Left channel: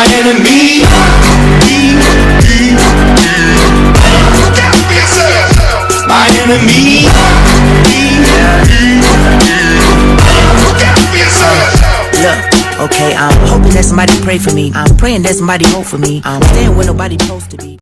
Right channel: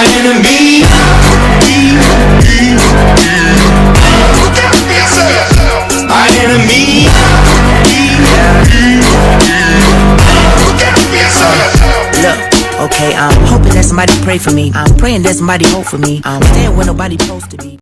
my enemy. Look out for yourself. My enemy. Look out for yourself. Look, okay, I'm hoping that somebody pray for me. I'm praying that somebody hope for me. I'm staying where nobody supposed to be.